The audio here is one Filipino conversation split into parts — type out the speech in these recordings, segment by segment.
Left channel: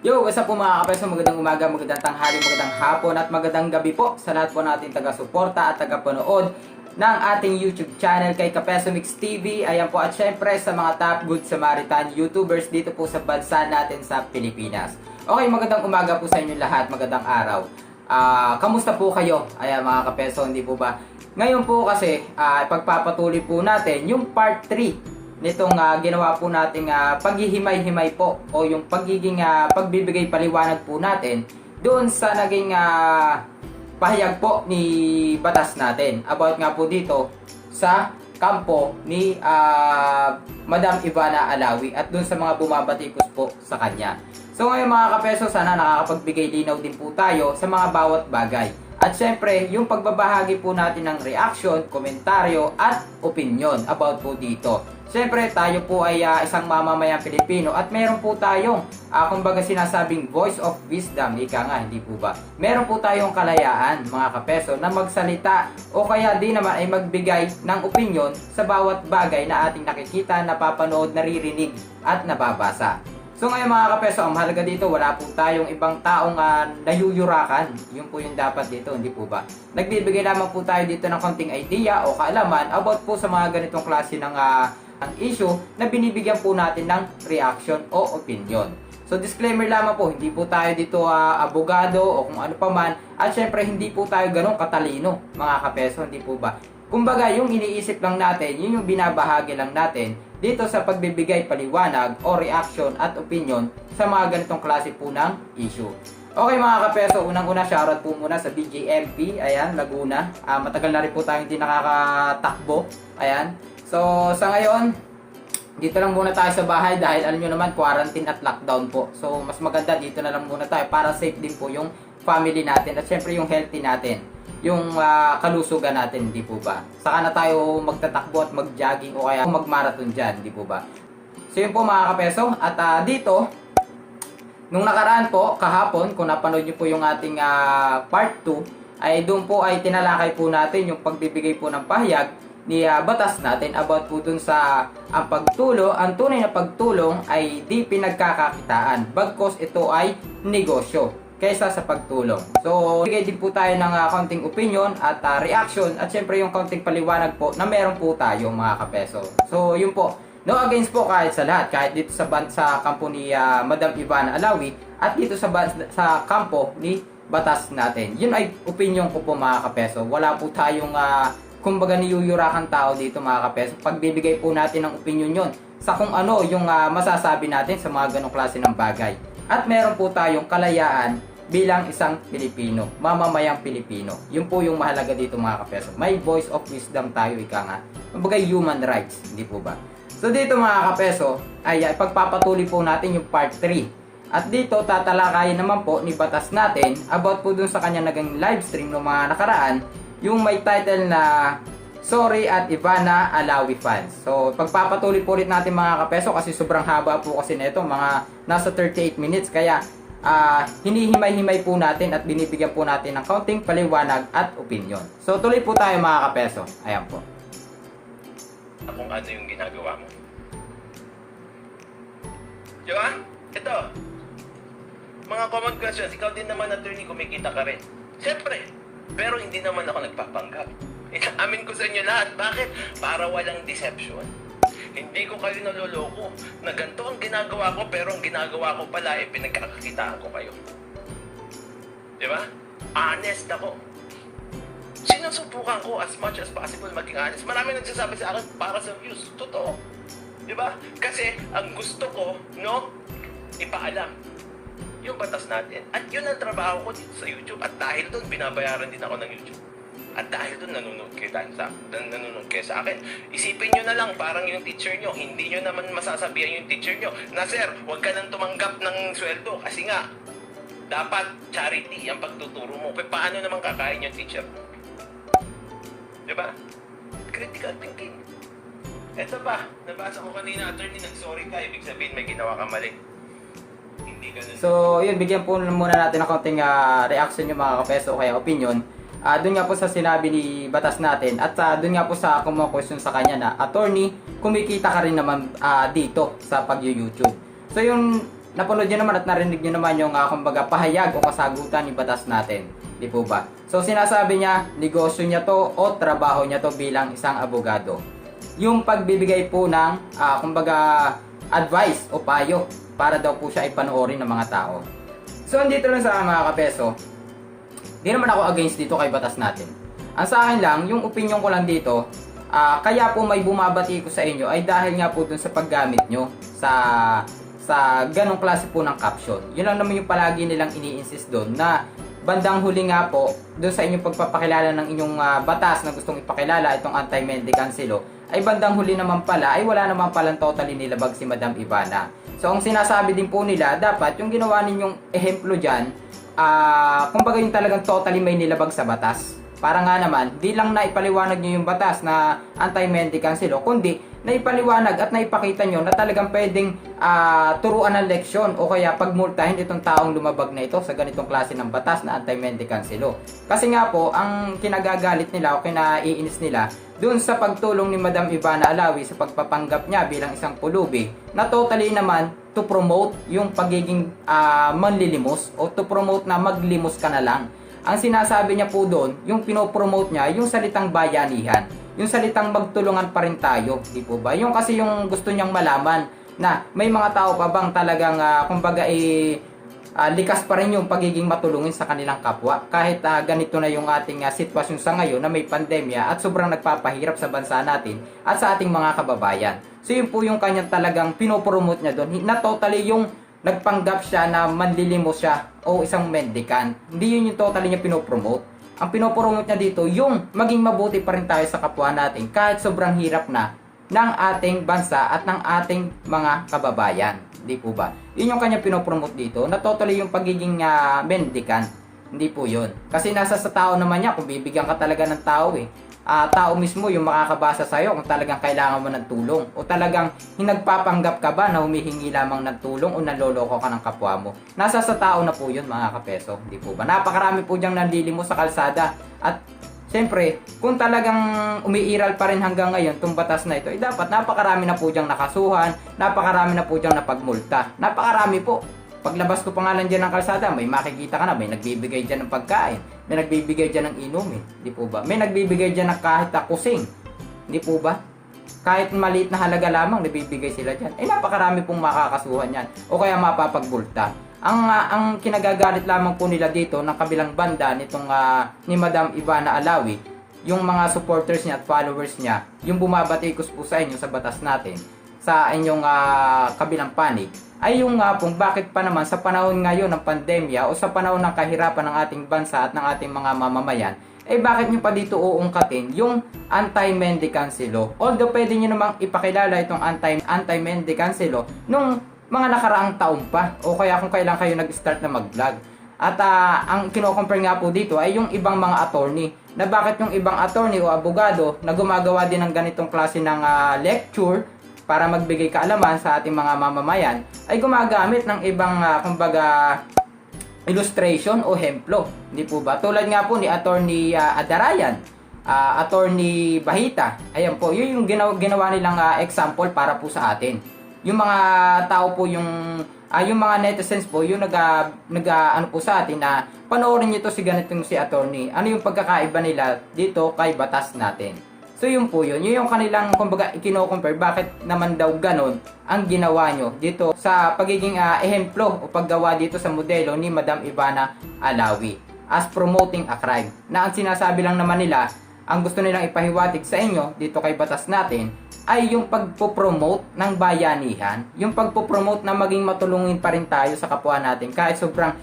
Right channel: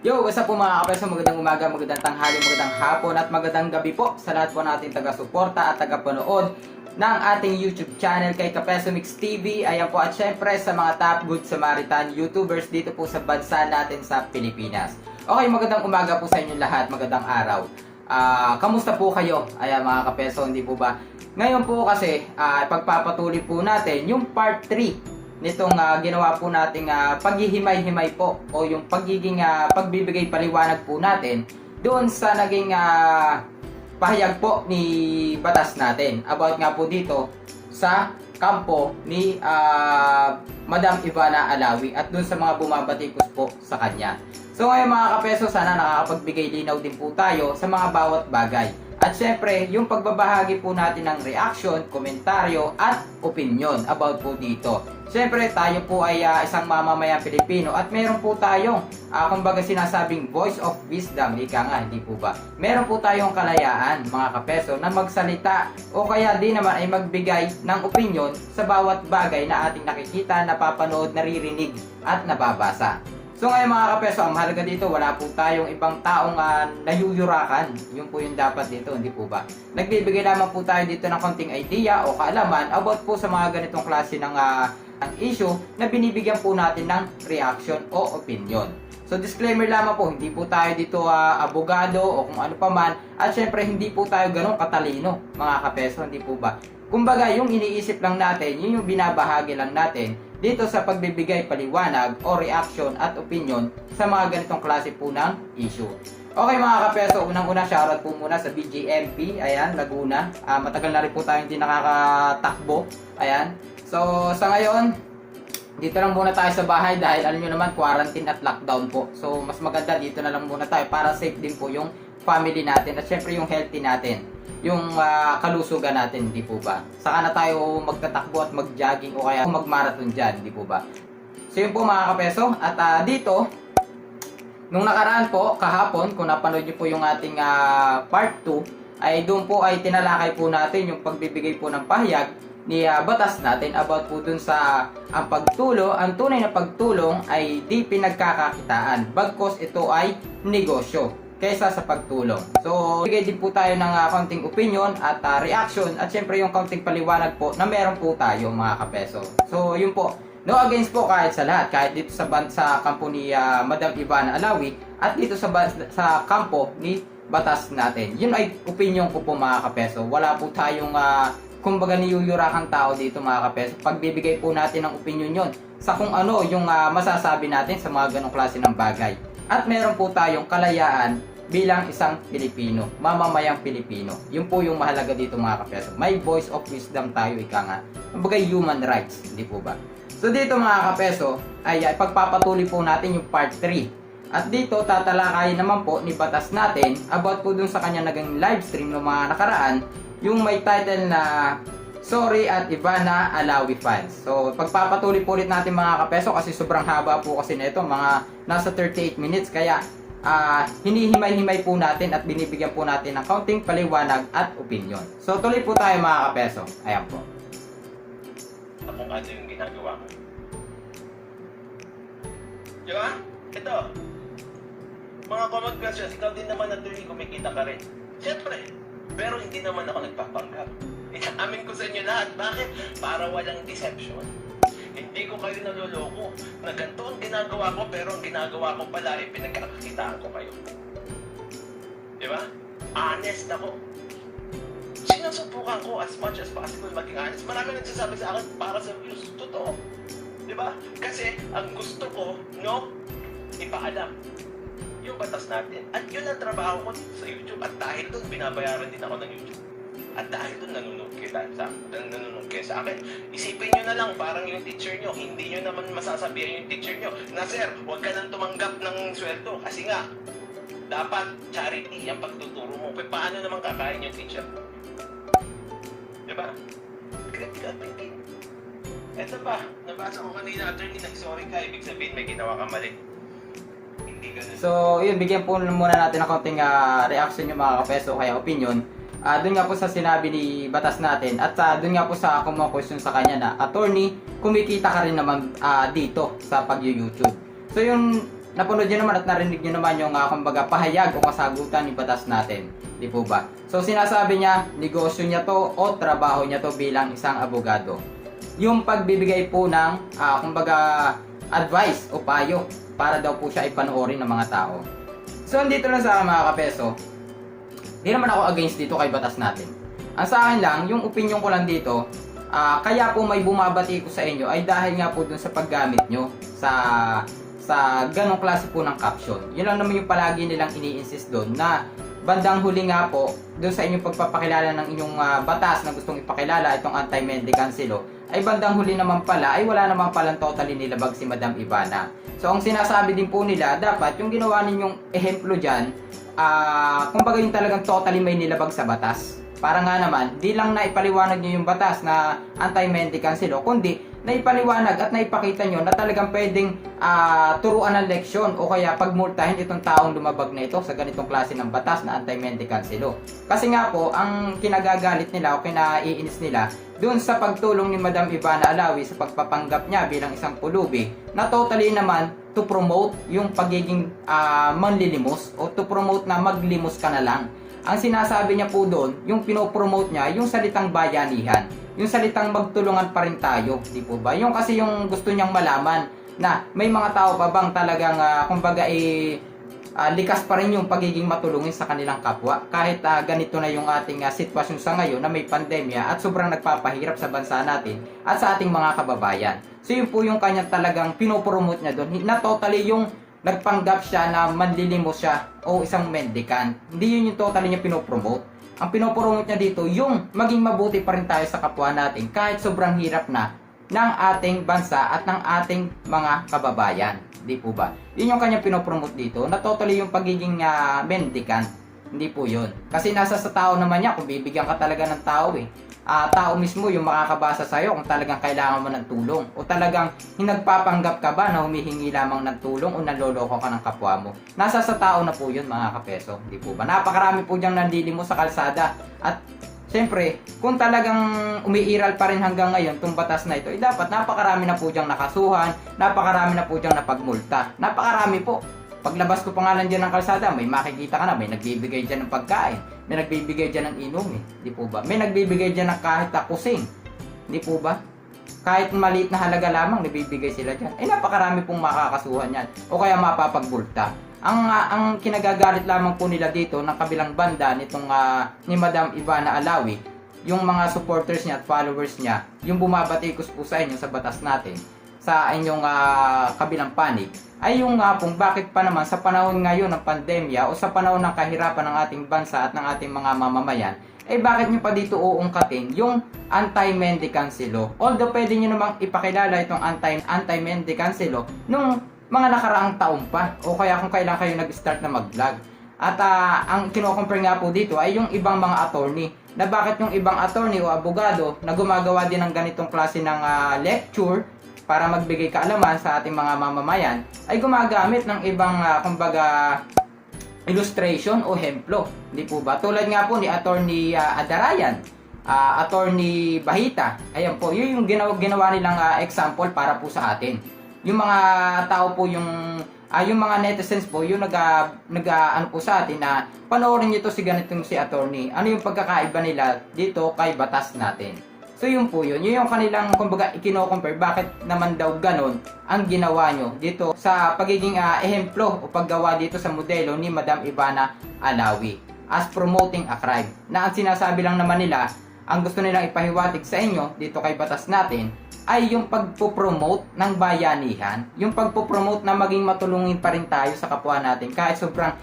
Yo, what's up po mga kapeso? Magandang umaga, magandang tanghali, magandang hapon at magandang gabi po sa lahat po nating taga-suporta at taga-panood ng ating YouTube channel kay Kapeso Mix TV. Ayan po, at syempre sa mga top good Samaritan YouTubers dito po sa bansa natin sa Pilipinas. Okay, magandang umaga po sa inyo lahat, magandang araw. Kamusta po kayo? Ayan mga kapeso, hindi po ba? Ngayon po kasi, pagpapatuloy po natin yung part 3 nitong ginawa po nating paghihimay-himay po o yung pagiging pagbibigay paliwanag po natin doon sa naging pahayag po ni batas natin about nga po dito sa kampo ni Madam Ivana Alawi at doon sa mga bumabatikos po sa kanya. So ngayon mga kapeso, sana nakakapagbigay linaw din po tayo sa mga bawat bagay. At syempre, yung pagbabahagi po natin ng reaction, komentaryo at opinion about po dito. Syempre, tayo po ay isang mamamayang Pilipino at meron po tayong, kumbaga sinasabing voice of wisdom, ika nga, hindi po ba? Meron po tayong kalayaan, mga kapeso, na magsalita o kaya di naman ay magbigay ng opinion sa bawat bagay na ating nakikita, napapanood, naririnig at nababasa. So ngayon mga kapeso, ang mahalaga dito, wala po tayong ibang taong nayuyurakan. Yun po yung dapat dito, hindi po ba? Nagbibigay lamang po tayo dito ng konting idea o kaalaman about po sa mga ganitong klase ng ang issue na binibigyan po natin ng reaction o opinion. So disclaimer lamang po, hindi po tayo dito abogado o kung ano pa man. At syempre hindi po tayo ganun katalino mga kapeso, hindi po ba? Kumbaga yung iniisip lang natin, yun yung binabahagi lang natin dito sa pagbibigay paliwanag o reaction at opinion sa mga ganitong klase po ng issue. Okay mga kapeso, unang-una shoutout po muna sa BJMP, ayan, Laguna. Matagal na rin po tayo hindi nakakatakbo, ayan. So sa ngayon, dito lang muna tayo sa bahay dahil alam nyo naman, quarantine at lockdown po. So mas maganda dito na lang muna tayo para safe din po yung family natin at syempre yung healthy natin, yung kalusugan natin, hindi po ba? Saka na tayo magtatakbo at mag-jogging o kaya mag-marathon dyan, hindi po ba? So yun po mga kapeso, at dito, nung nakaraan po, kahapon, kung napanood nyo po yung ating part 2, ay doon po ay tinalakay po natin yung pagbibigay po ng pahayag ni batas natin about po dun sa ang pagtulong, ang tunay na pagtulong ay di pinagkakakitaan, bagkos ito ay negosyo kaysa sa pagtulong. So, bigay din po tayo ng kaunting opinion at reaction at syempre yung kaunting paliwanag po na meron po tayo mga kapeso. So, yun po. No against po kahit sa lahat, kahit dito sa kampo ni Madam Ivana Alawi at dito sa kampo ni batas natin. Yun ay opinion ko po mga kapeso. Wala po tayong kumbaga niyuyurakan tao dito mga kapeso. Pagbibigay po natin ng opinion yon sa kung ano yung masasabi natin sa mga ganong klase ng bagay. At meron po tayong kalayaan bilang isang Pilipino, mamamayang Pilipino. Yun po yung mahalaga dito mga kapeso. May voice of wisdom tayo, ika nga. Kumbaga human rights, hindi po ba? So dito mga kapeso, ay pagpapatuloy po natin yung part 3. At dito tatalakayin naman po ni batas natin about po dun sa kanya naging live stream ng mga nakaraan, yung may title na Sorry at Ivana Alawi fans. So pagpapatuloy po ulit natin mga kapeso kasi sobrang haba po kasi nito, mga nasa 38 minutes. Kaya hinihimay-himay po natin at binibigyan po natin ng kaunting paliwanag at opinion. So tuloy po tayo mga kapeso. Ayan po. Kung ano yung ginagawa mo. Di ba? Ito. Mga common questions. Ikaw din naman attorney, kumikita ka rin. Siyempre. Pero hindi naman ako nagpapanggap. Amin ko sa inyo lahat. Bakit? Para walang deception. Hindi ko kayo naloloko na ganito ang ginagawa ko pero ang ginagawa ko pala ay pinagkakakitaan ko kayo. Di ba? Honest ako. Sinusubukan ko as much as possible maging honest. Marami nagsasabi sa akin para sa views. Totoo. Di ba? Kasi ang gusto ko, no, ipaalam yung batas natin. At yun ang trabaho ko dito sa YouTube. At dahil doon, binabayaran din ako ng YouTube. At dahil doon, nanonood kayo sa akin. Isipin nyo na lang, parang yung teacher nyo, hindi nyo naman masasabihan yung teacher nyo na, sir, huwag ka nang tumanggap ng sweldo. Kasi nga, dapat charity ang pagtuturo mo. Paano naman kakain yung teacher mo? Diba? Critical thinking. Ito ba, nabasa ko kanina, attorney, nag-sorry ka, ibig sabihin may ginawa ka mali. Hindi ganun. So yun, bigyan po muna natin ng kaunting reaction yung mga kapeso kaya opinion. Doon nga po sa sinabi ni batas natin at doon nga po sa question sa kanya na attorney, kumikita ka rin naman dito sa pag-YouTube. So yung napanood nyo naman at narinig nyo naman yung kumbaga pahayag o kasagutan ni batas natin. Di po ba? So sinasabi niya, negosyo niya to o trabaho niya to bilang isang abogado. Yung pagbibigay po ng kumbaga advice o payo para daw po siya ipanoorin ng mga tao. So andito lang sa mga kapeso, di naman ako against dito kay batas natin. Ang sa akin lang, yung opinion ko lang dito, kaya po may bumabati ko sa inyo ay dahil nga po dun sa paggamit nyo sa ganong klase po ng caption. Yun lang naman yung palagi nilang ini-insist doon na bandang huli nga po doon sa inyong pagpapakilala ng inyong batas na gustong ipakilala itong anti-mendicant law ay bandang huli naman pala ay wala naman palang totally nilabag si Madam Ivana. So ang sinasabi din po nila, dapat yung ginawa ninyong ehemplo dyan, kumbaga yung talagang totally may nilabag sa batas. Para nga naman, di lang na ipaliwanag nyo yung batas na anti-mendicant law, kundi naipaliwanag at naipakita nyo na talagang pwedeng turuan ng leksyon o kaya pagmultahin itong taong lumabag na ito sa ganitong klase ng batas na anti-mendicant law. Kasi nga po, ang kinagagalit nila o kinaiinis nila dun sa pagtulong ni Madam Ivana Alawi sa pagpapanggap niya bilang isang pulubi na totally naman to promote yung pagiging manlilimos o to promote na maglimos ka na lang. Ang sinasabi niya po doon, yung pinopromote niya, yung salitang bayanihan, yung salitang magtulungan pa rin tayo, di po ba? Yung kasi yung gusto niyang malaman na may mga tao pa bang talagang kumbaga likas pa rin yung pagiging matulungin sa kanilang kapwa kahit ganito na yung ating sitwasyon sa ngayon na may pandemya at sobrang nagpapahirap sa bansa natin at sa ating mga kababayan. So yun po yung kanyang talagang pinopromote niya doon, na totally yung nagpanggap siya na manlilimos siya o isang mendicant. Hindi yun yung totally niya pinopromote. Ang pinopromote niya dito, yung maging mabuti pa rin tayo sa kapwa natin kahit sobrang hirap na ng ating bansa at ng ating mga kababayan. Di po ba? Yun yung kanyang pinopromote dito, na totally yung pagiging mendicant. Hindi po yun. Kasi nasa sa tao naman niya kung bibigyan ka talaga ng tao tao mismo yung makakabasa sa'yo kung talagang kailangan mo ng tulong o talagang hinagpapanggap ka ba na humihingi lamang ng tulong o nanloloko ka ng kapwa mo. Nasa sa tao na po yun mga kapeso, di po ba? Napakarami po diyang nanlilimo sa kalsada at siyempre, kung talagang umiiral pa rin hanggang ngayon itong batas na ito, dapat napakarami na po diyang nakasuhan, napakarami na po diyang napagmulta, napakarami po. Paglabas ko pa nga lang dyan ng kalsada, may makikita ka na, may nagbibigay dyan ng pagkain, may nagbibigay dyan ng inumin, di po ba? May nagbibigay dyan ng kahit kusing, di po ba? Kahit maliit na halaga lamang, nagbibigay sila dyan. Ay napakarami pong makakasuhan yan, o kaya mapapagbulta. Ang kinagagalit lamang po nila dito ng kabilang banda nitong ni Madam Ivana Alawi, yung mga supporters niya at followers niya, yung bumabatikos po sa inyo sa batas natin, sa inyong kabilang panig, ay yung kung bakit pa naman sa panahon ngayon ng pandemya o sa panahon ng kahirapan ng ating bansa at ng ating mga mamamayan, bakit nyo pa dito uungkatin yung anti-mendicant law? Although pwede nyo namang ipakilala itong anti-mendicant law nung mga nakaraang taon pa o kaya kung kailan kayo nag-start na mag-vlog. At ang kino-compare nga po dito ay yung ibang mga attorney, na bakit yung ibang attorney o abogado na gumagawa din ng ganitong klase ng lecture para magbigay kaalaman sa ating mga mamamayan ay gumagamit ng ibang kumbaga illustration o hemplo, di po ba? Tulad nga po ni Attorney Adarayan, Attorney Bahita, ayan po, yun yung ginawa nilang example para po sa atin. Yung mga tao po, yung mga netizens po, yung ano po sa atin na panoorin nyo to si ganitong si attorney. Ano yung pagkakaiba nila dito kay batas natin? So yun po yun. Yun yung kanilang kumbaga ikino-compare bakit naman daw ganon ang ginawa nyo dito sa pagiging ehemplo o paggawa dito sa modelo ni Madam Ivana Alawi as promoting a crime. Na ang sinasabi lang naman nila, ang gusto nilang ipahiwatig sa inyo dito kay batas natin ay yung pagpo-promote ng bayanihan, yung pagpo-promote na maging matulungin pa rin tayo sa kapwa natin kahit sobrang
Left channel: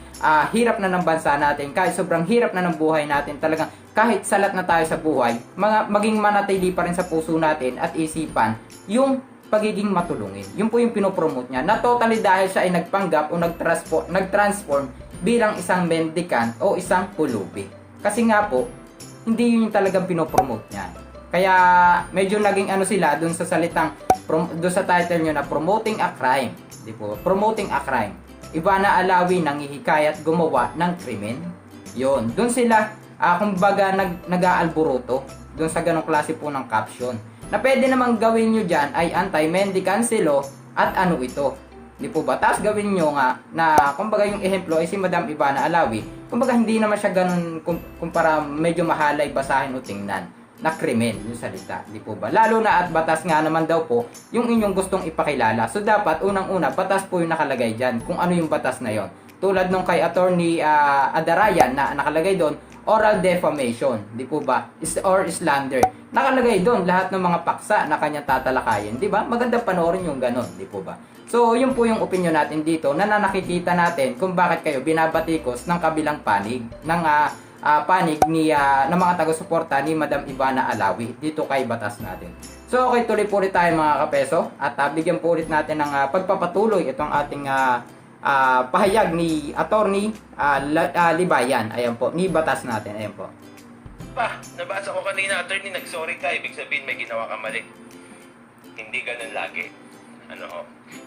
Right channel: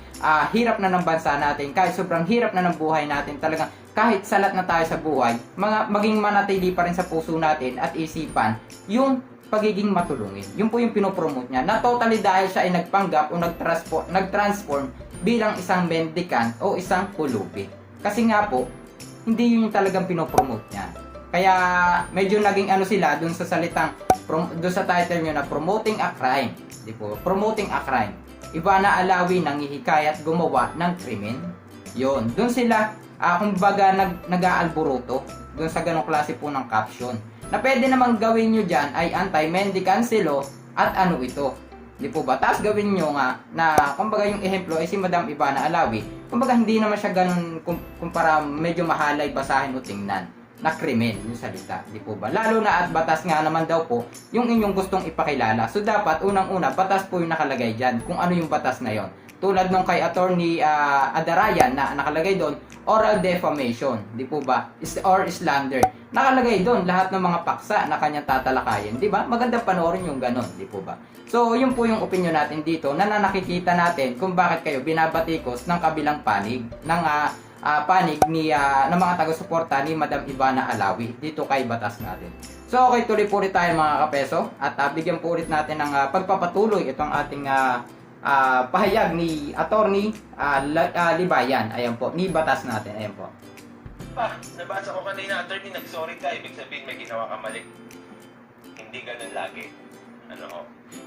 hirap na ng bansa natin, kahit sobrang hirap na ng buhay natin, talagang kahit salat na tayo sa buhay, maging manatili pa rin sa puso natin at isipan yung pagiging matulungin. Yun po yung pinopromote niya, na totally dahil siya ay nagpanggap o nag-transform bilang isang mendicant o isang pulubi. Kasi nga po, hindi yun yung talagang pinopromote niya. Kaya medyo naging ano sila dun sa salitang, dun sa title nyo na promoting a crime. Di po, promoting a crime. Ivana Alawi nanghihikayat gumawa ng krimen. Yun, dun sila kumbaga nag-aalburuto dun sa ganong klase po ng caption. Na pwede namang gawin nyo dyan ay anti-mendicant law at ano ito. Di po ba? Tapos gawin nyo nga na kumbaga yung ehemplo ay si Madam Ivana Alawi. Kumbaga hindi naman siya ganun kumpara medyo mahalay basahin o tingnan na krimen yung salita. Di po ba? Lalo na at batas nga naman daw po yung inyong gustong ipakilala. So dapat unang-una batas po yung nakalagay dyan kung ano yung batas na yon. Tulad nung kay Attorney Adarayan na nakalagay doon, oral defamation, di po ba? Or slander. Nakalagay doon lahat ng mga paksa na kanyang tatalakayin, di ba? Maganda panoorin yung ganon, di po ba? So, yun po yung opinion natin dito na nakikita natin kung bakit kayo binabatikos ng kabilang panig ng panig ni ng mga taga-suporta ni Madam Ivana Alawi dito kay batas natin. So, okay, tuloy po ulit tayo mga kapeso at bigyan po ulit natin ng pagpapatuloy itong ating pahayag ni Attorney Libayan. Ayan po, ni batas natin. Ayan po. Nabasa ko kanina, attorney, nag-sorry ka, ibig sabihin may ginawa ka mali. Hindi ganun lagi.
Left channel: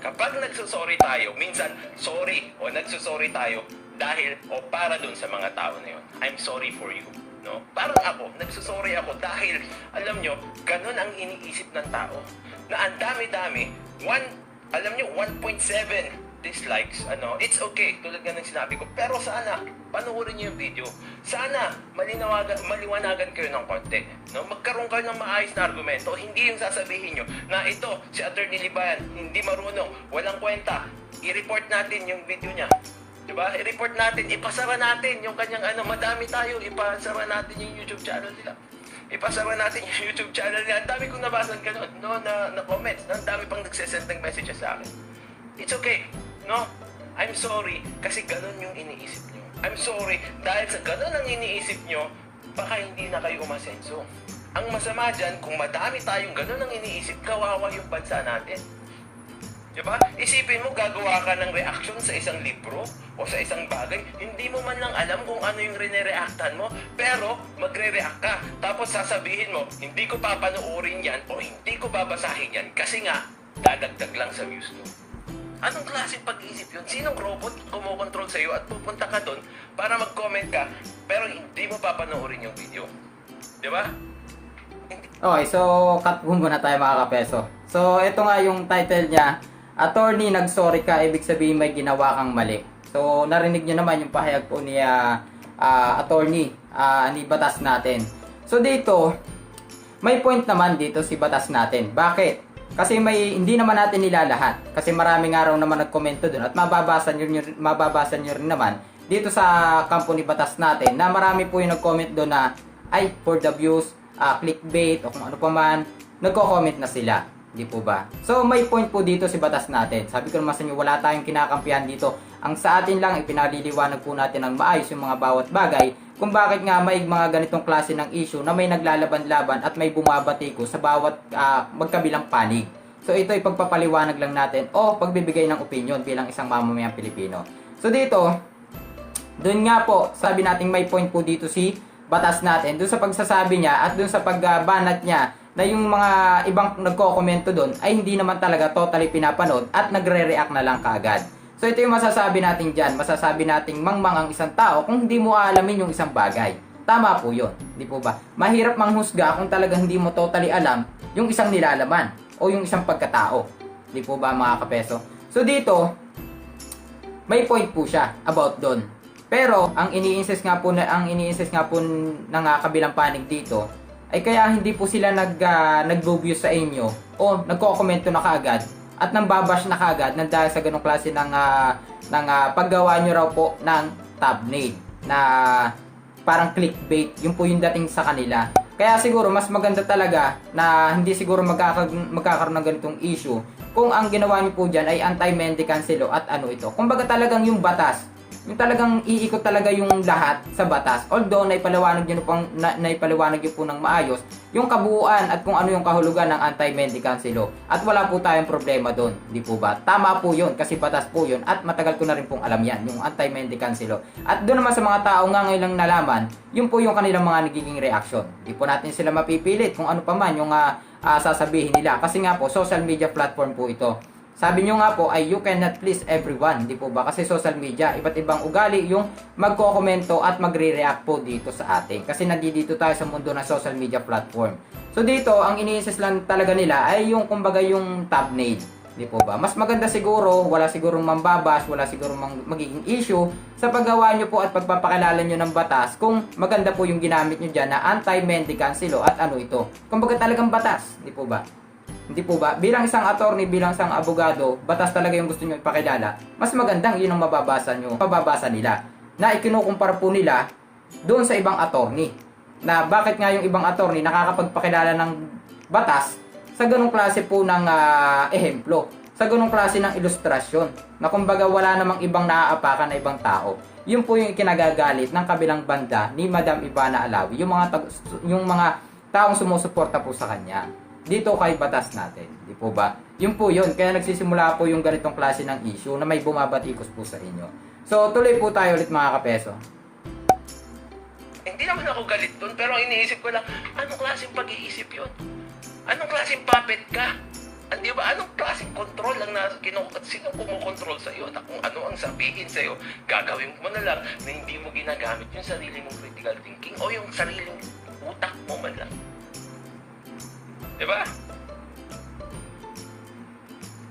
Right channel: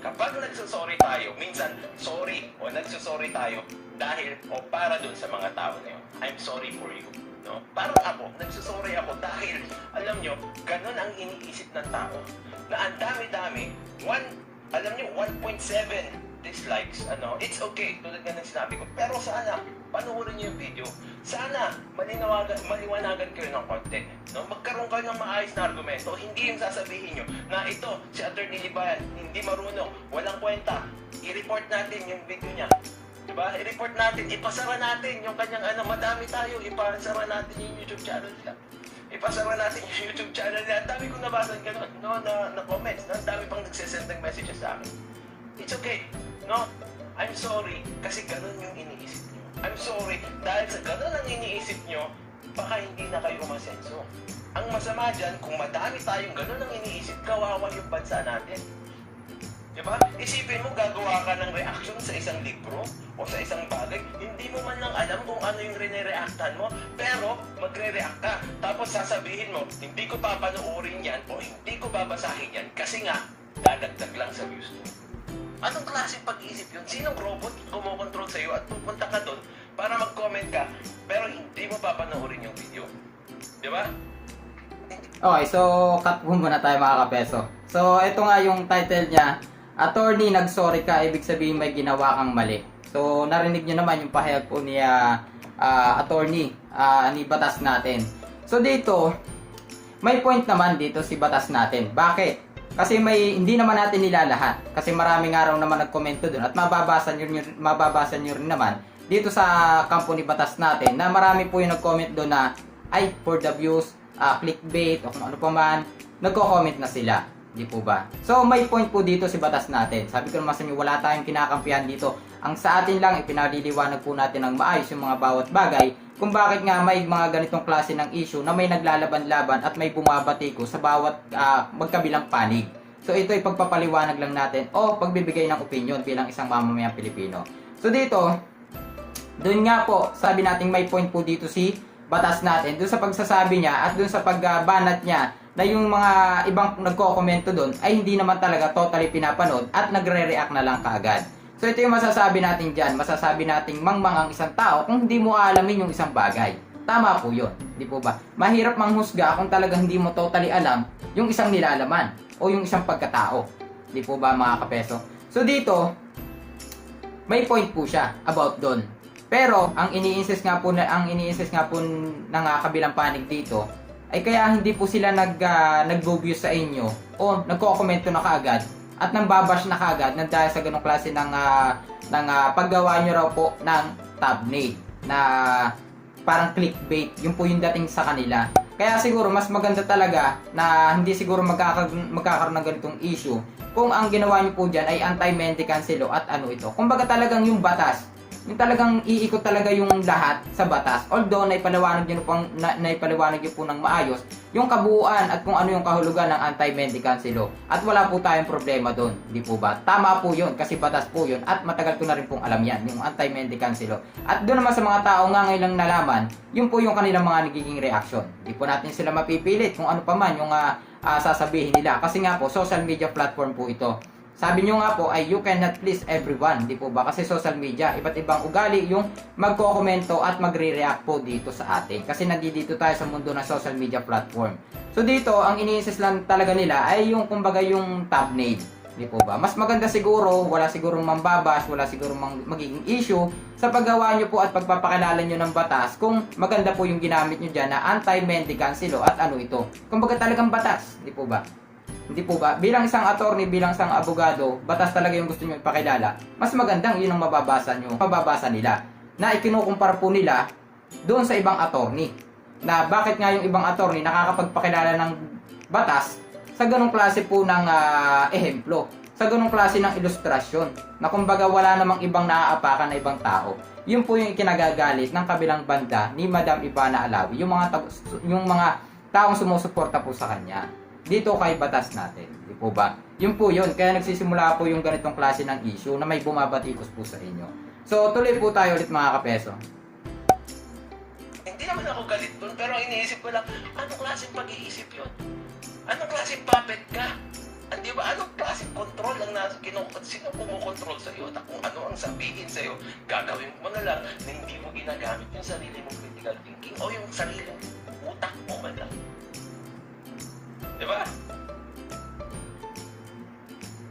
Kapag nagsusorry tayo, minsan sorry o nagsusorry tayo dahil o para dun sa mga tao na yun. I'm sorry for you. No? Parang ako, nagsusorry ako dahil, alam nyo, ganun ang iniisip ng tao. Na ang dami-dami, 1.7 dislikes, it's okay, tulad nga ng sinabi ko. Pero sana, panoorin niyo yung video. Sana, maliwanagan kayo ng konti. No? Magkaroon kayo ng maayos na argumento. Hindi yung sasabihin nyo na ito, si Attorney Libayan, hindi marunong, walang kwenta. I-report natin yung video niya. Diba? I-report natin, ipasara natin yung kanyang madami tayo, ipasara natin yung YouTube channel nila. Ipasara natin yung YouTube channel nila. Ang dami kong nabasan ganun, no? na comments. Ang dami pang nagsesend ng messages sa akin. It's okay. No, I'm sorry kasi ganun yung iniisip nyo. I'm sorry dahil sa ganun ang iniisip nyo, baka hindi na kayo umasenso. Ang masama dyan, kung madami tayong ganun ang iniisip, kawawa yung bansa natin. Diba? Isipin mo, gagawa ka ng reaction sa isang libro o sa isang bagay, hindi mo man lang alam kung ano yung rene-reactan mo, pero magre-react ka. Tapos sasabihin mo, hindi ko papanoorin yan o hindi ko babasahin yan kasi nga, dadagdag lang sa views mo. Anong klaseng pag-iisip yun? Sinong robot kumokontrol sa'yo at pupunta ka doon para mag-comment ka pero hindi mo papanoorin yung video? Di ba? Okay, so cut mo muna tayo mga kapeso. So ito nga yung title niya, Attorney, nag-sorry ka, ibig sabihin may ginawa kang mali. So narinig niyo naman yung pahayag po ni Attorney ni batas natin. So dito, may point naman dito si batas natin. Bakit? Kasi hindi naman natin nilalahat. Kasi maraming araw naman nagkomento doon at mababasa nyo rin naman dito sa kampo ni batas natin na marami po yung nag-comment doon na ay for the views, clickbait o kung ano pa man, nagko-comment na sila. Di po ba? So may point po dito si batas natin. Sabi ko naman sa inyo, wala tayong kinakampihan dito. Ang sa atin lang, ipinaliliwanag po natin ng maayos yung mga bawat bagay kung bakit nga may mga ganitong klase ng issue na may naglalaban-laban at may bumabatiko sa bawat magkabilang panig. So ito ay pagpapaliwanag lang natin o pagbibigay ng opinion bilang isang mamamayang Pilipino. So dito, doon nga po, sabi natin may point po dito si batas natin. Doon sa pagsasabi niya at doon sa pagbanat niya na yung mga ibang nagko-komento doon ay hindi naman talaga totally pinapanood at nagre-react na lang kaagad. So ito yung masasabi natin dyan. Masasabi natin mangmang ang isang tao kung hindi mo aalamin yung isang bagay. Tama po yun. Di po ba? Mahirap manghusga kung talagang hindi mo totally alam yung isang nilalaman o yung isang pagkatao. Di po ba mga kapeso? So dito, may point po siya about doon. Pero ang iniinsist nga po ng kabilang panig dito ay kaya hindi po sila nag-view sa inyo o nagko-komento na kaagad at nang babash na kaagad nang dahil sa ganong klase ng paggawa nyo raw po ng thumbnail na parang clickbait. Yung po yung dating sa kanila. Kaya siguro mas maganda talaga na hindi siguro magkakaroon ng ganitong issue kung ang ginawa nyo po dyan ay anti-mendicant law at ano ito. Kumbaga talagang yung batas, yung talagang iikot talaga yung lahat sa batas. Although naipaliwanag nyo po ng maayos yung kabuuan at kung ano yung kahulugan ng anti-mendicant law. At wala po tayong problema doon, di po ba? Tama po yun kasi batas po yun at matagal ko na rin pong alam yan, yung anti-mendicant law. At doon naman sa mga tao nga ngayon lang nalaman, yun po yung kanilang mga nagiging reaction. Di po natin sila mapipilit kung ano pa man yung sasabihin nila. Kasi nga po, social media platform po ito. Sabi nyo nga po ay you cannot please everyone, di po ba? Kasi social media, iba't ibang ugali yung magko-komento at magre-react po dito sa atin. Kasi nandito tayo sa mundo ng social media platform. So dito, ang ini-insist lang talaga nila ay yung kumbaga yung thumbnail. Di po ba? Mas maganda siguro, wala sigurong mambabash, wala sigurong magiging issue sa paggawa nyo po at pagpapakilala nyo ng batas kung maganda po yung ginamit nyo dyan na anti-mendicants law at ano ito. Kumbaga talagang batas, di po ba? Hindi po ba? Bilang isang attorney, bilang isang abogado, batas talaga yung gusto nyo ipakilala. Mas magandang yun ang mababasa nila. Na ikinukumpara po nila doon sa ibang attorney. Na bakit nga yung ibang attorney nakakapagpakilala ng batas sa ganong klase po ng ehemplo, sa ganong klase ng ilustrasyon, na kumbaga wala namang ibang naaapakan na ibang tao. Yun po yung ikinagagalit ng kabilang banda ni Madam Ivana Alawi, yung mga taong sumusuporta po sa kanya dito kay batas natin, di po ba? Yun po yun, kaya nagsisimula po yung ganitong klase ng issue na may bumabatikos po sa inyo. So tuloy po tayo ulit mga kapeso. Hindi naman ako galit doon, pero ang iniisip ko lang, anong klaseng pag-iisip yun? Anong klaseng puppet ka? Di ba? Anong klaseng control ang sino kumukontrol sa iyo? At kung ano ang sabihin sa iyo, gagawin mo na lang na hindi mo ginagamit yung sarili mong critical thinking o yung sariling utak mo man lang. Di ba?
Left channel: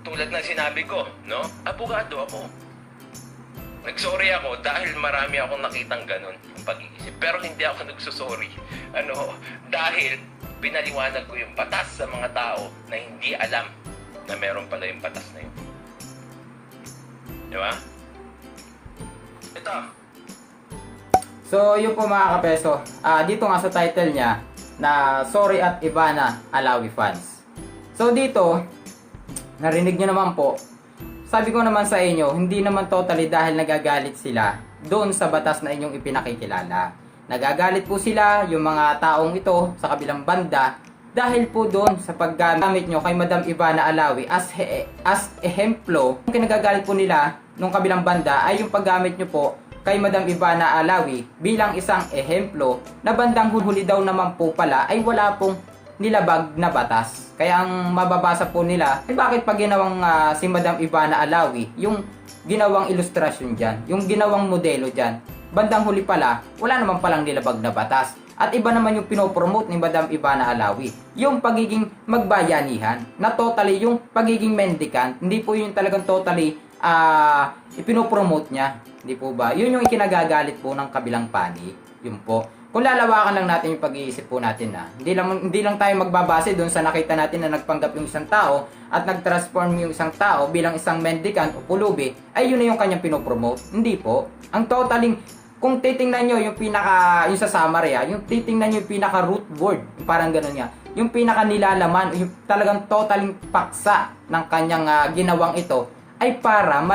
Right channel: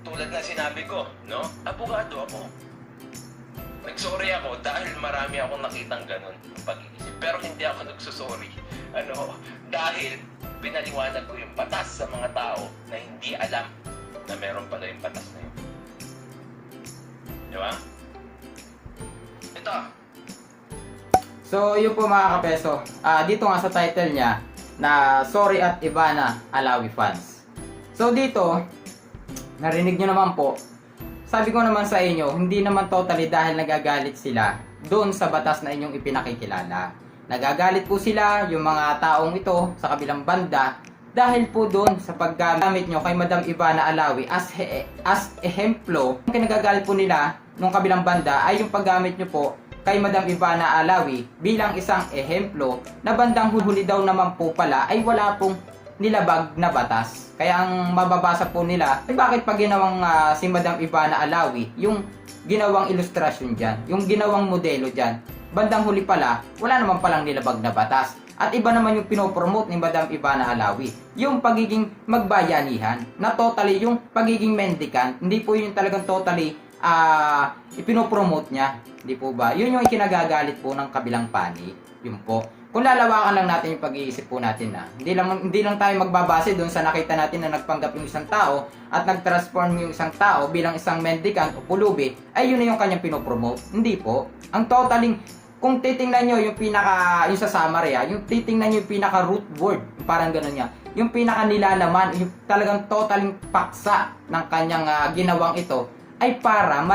Tulad ng sinabi ko, no? Abogado ako. Nagsorry ako dahil marami akong nakitang ganun ang pag-iisip. Pero hindi ako nagsusorry. Dahil pinaliwanag ko yung batas sa mga tao na hindi alam na meron pala yung batas na yun. Di ba? Ito. So yun po mga kapeso, dito nga sa title niya na Sorry at Ivana Alawi fans. So dito, narinig nyo naman po, sabi ko naman sa inyo, hindi naman totally dahil nagagalit sila doon sa batas na inyong ipinakikilala. Nagagalit po sila, yung mga taong ito sa kabilang banda, dahil po doon sa paggamit nyo kay Madam Ivana Alawi as ehemplo. Yung nagagalit po nila nung kabilang banda ay yung paggamit nyo po kay Madam Ivana Alawi bilang isang ehemplo na bandang huli daw naman po pala ay wala pong nilabag na batas. Kaya ang mababasa po nila, bakit pag ginawang si Madam Ivana Alawi, yung ginawang ilustrasyon dyan, yung ginawang modelo dyan, bandang huli pala, wala naman palang nilabag na batas. At iba naman yung pinopromote ni Madam Ivana Alawi, yung pagiging magbayanihan, na totally yung pagiging mendicant, hindi po yung talagang totally ipinopromote niya. Hindi po ba? Yun yung ikinagagalit po ng kabilang panig. Yun po. Kung lalawakan lang natin yung pag-iisip po natin na hindi lang tayo magbabase doon sa nakita natin na nagpanggap yung isang tao at nag-transform yung isang tao bilang isang mendicant o pulubi, ay yun na yung kanyang pinopromote. Hindi po. Ang totaling, kung titingnan nyo yung yung sa summary, yung titingnan nyo yung pinaka root word, parang ganun niya, yung pinaka nilalaman, yung talagang totaling paksa ng kanyang ginawang ito, ay para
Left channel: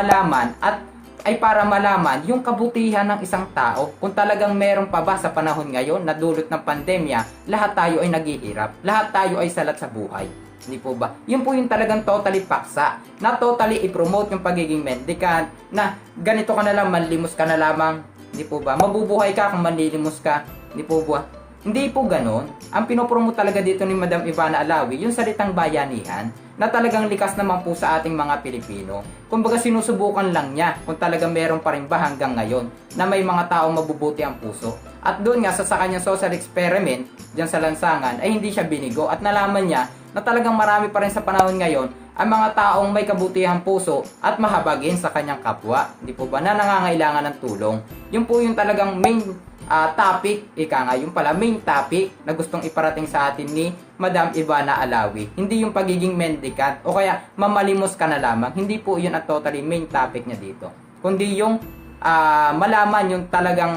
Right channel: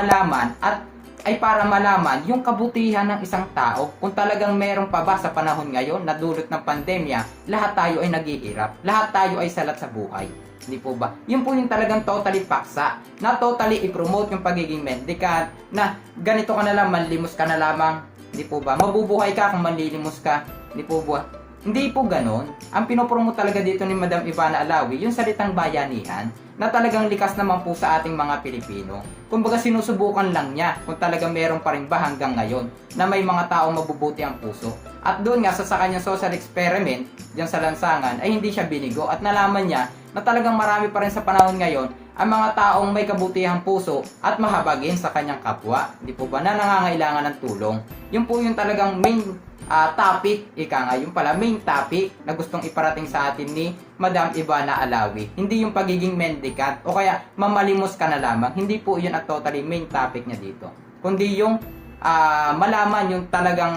malaman yung kabutihan ng isang tao. Kung talagang meron pa ba sa panahon ngayon na dulot ng pandemya, lahat tayo ay naghihirap, lahat tayo ay salat sa buhay. Hindi po ba? Yun po yung talagang totally paksa, na totally i-promote yung pagiging mendicant, na ganito ka na lang, manlimos ka na lamang. Hindi po ba? Mabubuhay ka kung manlilimos ka. Hindi po ba? Hindi po ganon. Ang pinopromote talaga dito ni Madam Ivana Alawi, yung salitang bayanihan, na talagang likas naman po sa ating mga Pilipino. Kumbaga sinusubukan lang niya kung talagang meron pa rin ba hanggang ngayon na may mga taong mabubuti ang puso. At doon nga sa kanyang social experiment diyan sa lansangan ay hindi siya binigo at nalaman niya na talagang marami pa rin sa panahon ngayon ang mga taong may kabutihang puso at mahabagin sa kanyang kapwa. Di po ba? Na nangangailangan ng tulong. Yun po yung talagang main topic, yung main topic na gustong iparating sa atin ni Madam Ivana Alawi. Hindi yung pagiging mendicant o kaya mamalimos ka na lamang. Hindi po yun at totally main topic niya dito. Kundi yung malaman yung talagang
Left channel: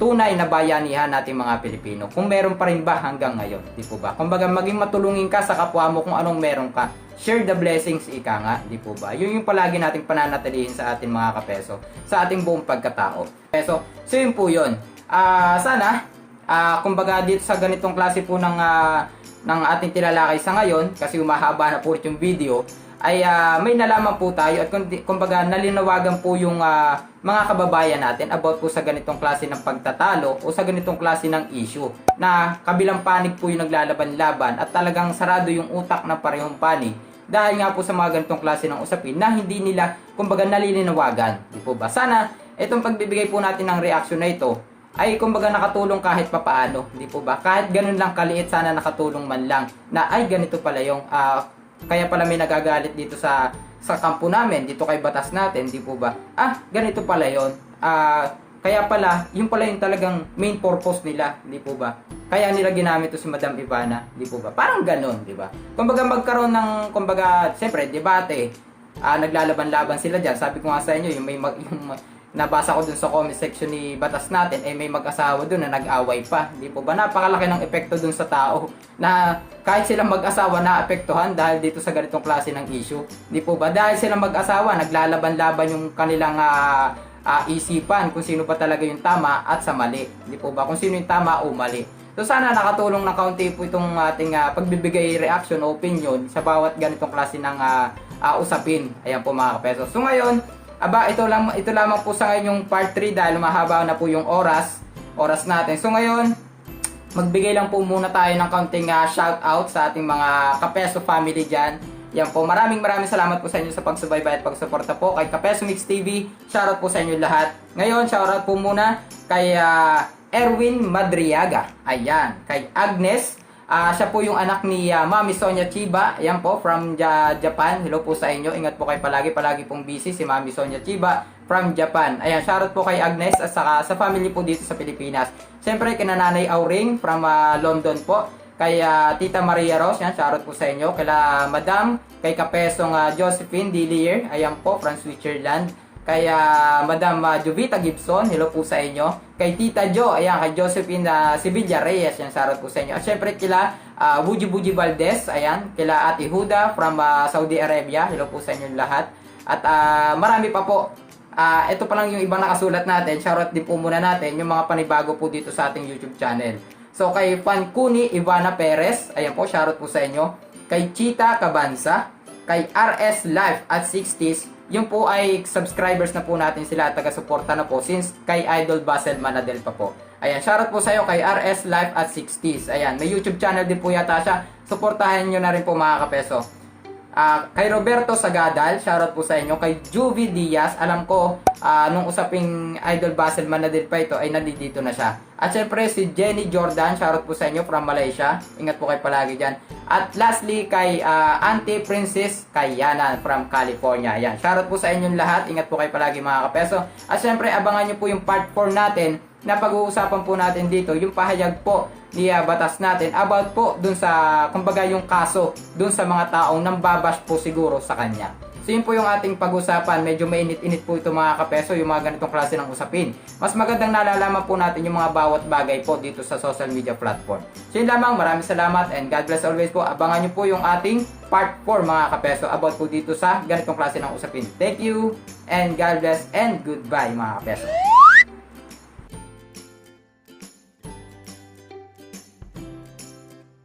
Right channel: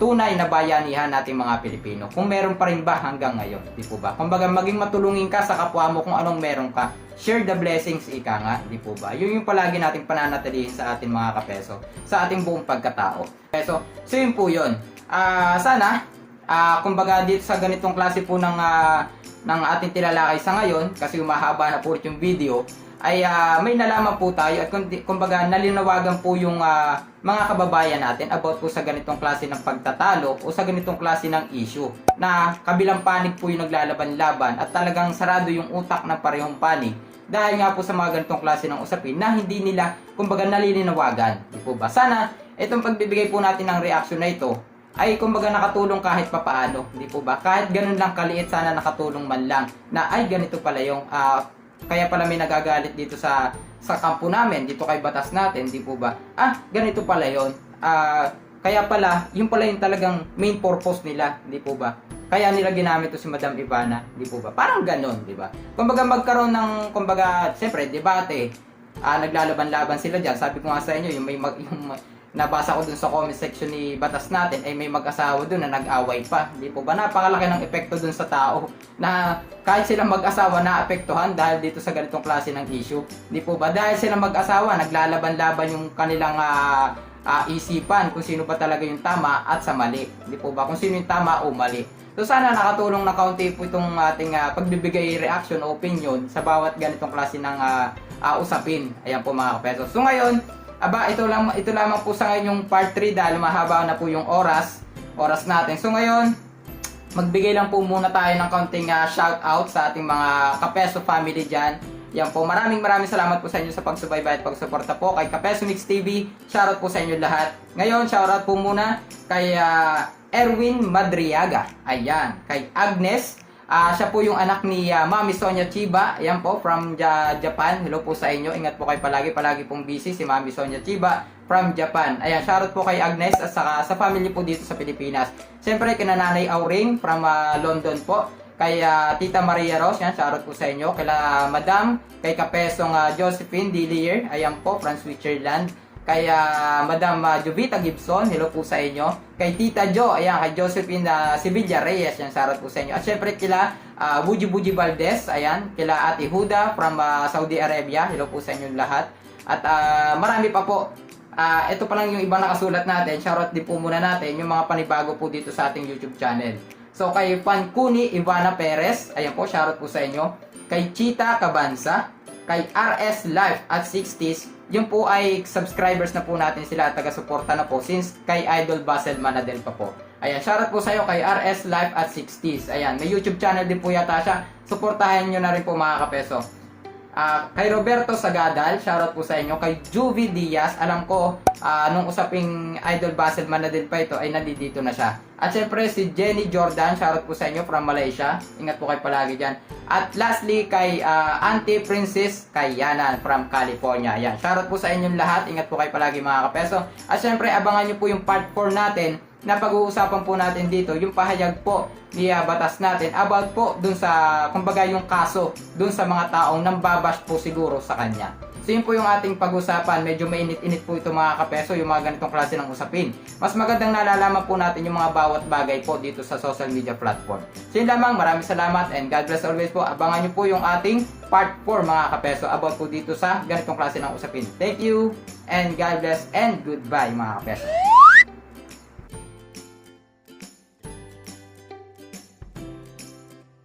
tunay na bayanihan natin mga Pilipino. Kung meron pa rin ba hanggang ngayon. Di po ba? Kumbaga maging matulungin ka sa kapwa mo kung anong meron ka. Share the blessings, ika nga. Di po ba? Yun yung palagi natin pananatilihin sa ating mga kapeso. Sa ating buong pagkatao. So yun po yun. Sana, kumbaga dito sa ganitong klase po ng ating tilalakay sa ngayon, kasi umahaba na po yung video, ay may nalaman po tayo at kumbaga nalinawagan po yung mga kababayan natin about po sa ganitong klase ng pagtatalo o sa ganitong klase ng issue na kabilang panig po yung naglalaban-laban at talagang sarado yung utak ng parehong panig dahil nga po sa mga ganitong klase ng usapin na hindi nila kumbaga nalilinawagan. Di po ba? Sana itong pagbibigay po natin ng reaction na ito ay kumbaga nakatulong kahit papaano. Di po ba? Kahit ganun lang kaliit, sana nakatulong man lang na ay ganito pala yung kaya pala may nagagalit dito sa kampo namin, dito kay batas natin, di po ba? Ganito pala yon. Kaya pala, yun pala yung talagang main purpose nila, di po ba? Kaya nila ginamit to si Madam Ivana, di po ba? Parang ganon, di ba? Kumbaga magkaroon ng, siyempre, debate, naglalaban-laban sila dyan. Sabi ko nga sa inyo, yung nabasa ko dun sa comment section ni Batas natin, ay may mag-asawa dun na nag-away pa. Di po ba? Napakalaki ng epekto dun sa tao na kahit silang mag-asawa naapektuhan dahil dito sa ganitong klase ng issue. Di po ba? Dahil silang mag-asawa, naglalaban-laban yung kanilang isipan kung sino ba talaga yung tama at sa mali. Di po ba? Kung sino yung tama o mali. So sana nakatulong na kaunti po itong ating pagbibigay reaction o opinion sa bawat ganitong klase ng usapin. Ayan po mga kapeso. So ngayon, ito lamang po sa ngayon yung part 3 dahil mahaba na po yung oras natin. So ngayon, magbigay lang po muna tayo ng kaunting shout out sa ating mga Kapeso family dyan. Yan po, maraming salamat po sa inyo sa pagsubaybay at pagsuporta po kay Kapeso Mix TV. Shoutout po sa inyo lahat. Ngayon, shoutout po muna kay Erwin Madriaga. Ayan, kay Agnes. Siya po yung anak ni Mami Sonia Chiba. Ayan po, from Japan. Hello po sa inyo. Ingat po kayo palagi pong busy si Mami Sonia Chiba from Japan. Ayan, shoutout po kay Agnes at saka sa family po dito sa Pilipinas. Siyempre, kina Nanay Auring from London po. Kay Tita Maria Ros, yan, shoutout po sa inyo. Kay Madam, kay Kapesong Josephine Dillier, ayan po, from Switzerland. Kay Madam Jovita Gibson, hello po sa inyo. Kay Tita Jo, ayan, kay Josephine Sevilla Reyes, yan, shoutout po sa inyo. At syempre kila Buji Valdez, ayan, kila Ate Huda from Saudi Arabia, hello po sa inyo lahat. At marami pa po. Ito pa lang yung ibang nakasulat natin, shoutout din po muna natin yung mga panibago po dito sa ating YouTube channel. So kay Fankuni Ivana Perez, ayan po, shoutout po sa inyo. Kay Chita Cabanza, kay RS Life at 60s, yung po ay subscribers na po natin sila at taga-suporta na po since kay Idol Basel Manadel pa po. Ayan, shoutout po sa iyo kay RS Life at 60s. Ayan, may YouTube channel din po yata siya. Suportahan nyo na rin po mga kapeso. Kay Roberto Sagadal, shoutout po sa inyo. Kay Juvie Diaz, alam ko, nung usaping Idol Basel Manadil pa ito, ay nandito na siya. At syempre, si Jenny Jordan, shoutout po sa inyo from Malaysia. Ingat po kayo palagi dyan. At lastly, kay Auntie Princess Kayana from California. Ayan, shoutout po sa inyong lahat. Ingat po kayo palagi mga kapeso. At syempre, abangan nyo po yung part 4 natin na pag-uusapan po natin dito, yung pahayag po ni batas natin about po dun sa, kumbaga yung kaso dun sa mga taong nambabash po siguro sa kanya. So yun po yung ating pag-usapan. Medyo mainit-init po ito mga kapeso, yung mga ganitong klase ng usapin. Mas magandang nalalaman po natin yung mga bawat bagay po dito sa social media platform. So yun lamang, maraming salamat and God bless always po. Abangan nyo po yung ating part 4 mga kapeso about po dito sa ganitong klase ng usapin. Thank you and God bless and goodbye mga kapeso.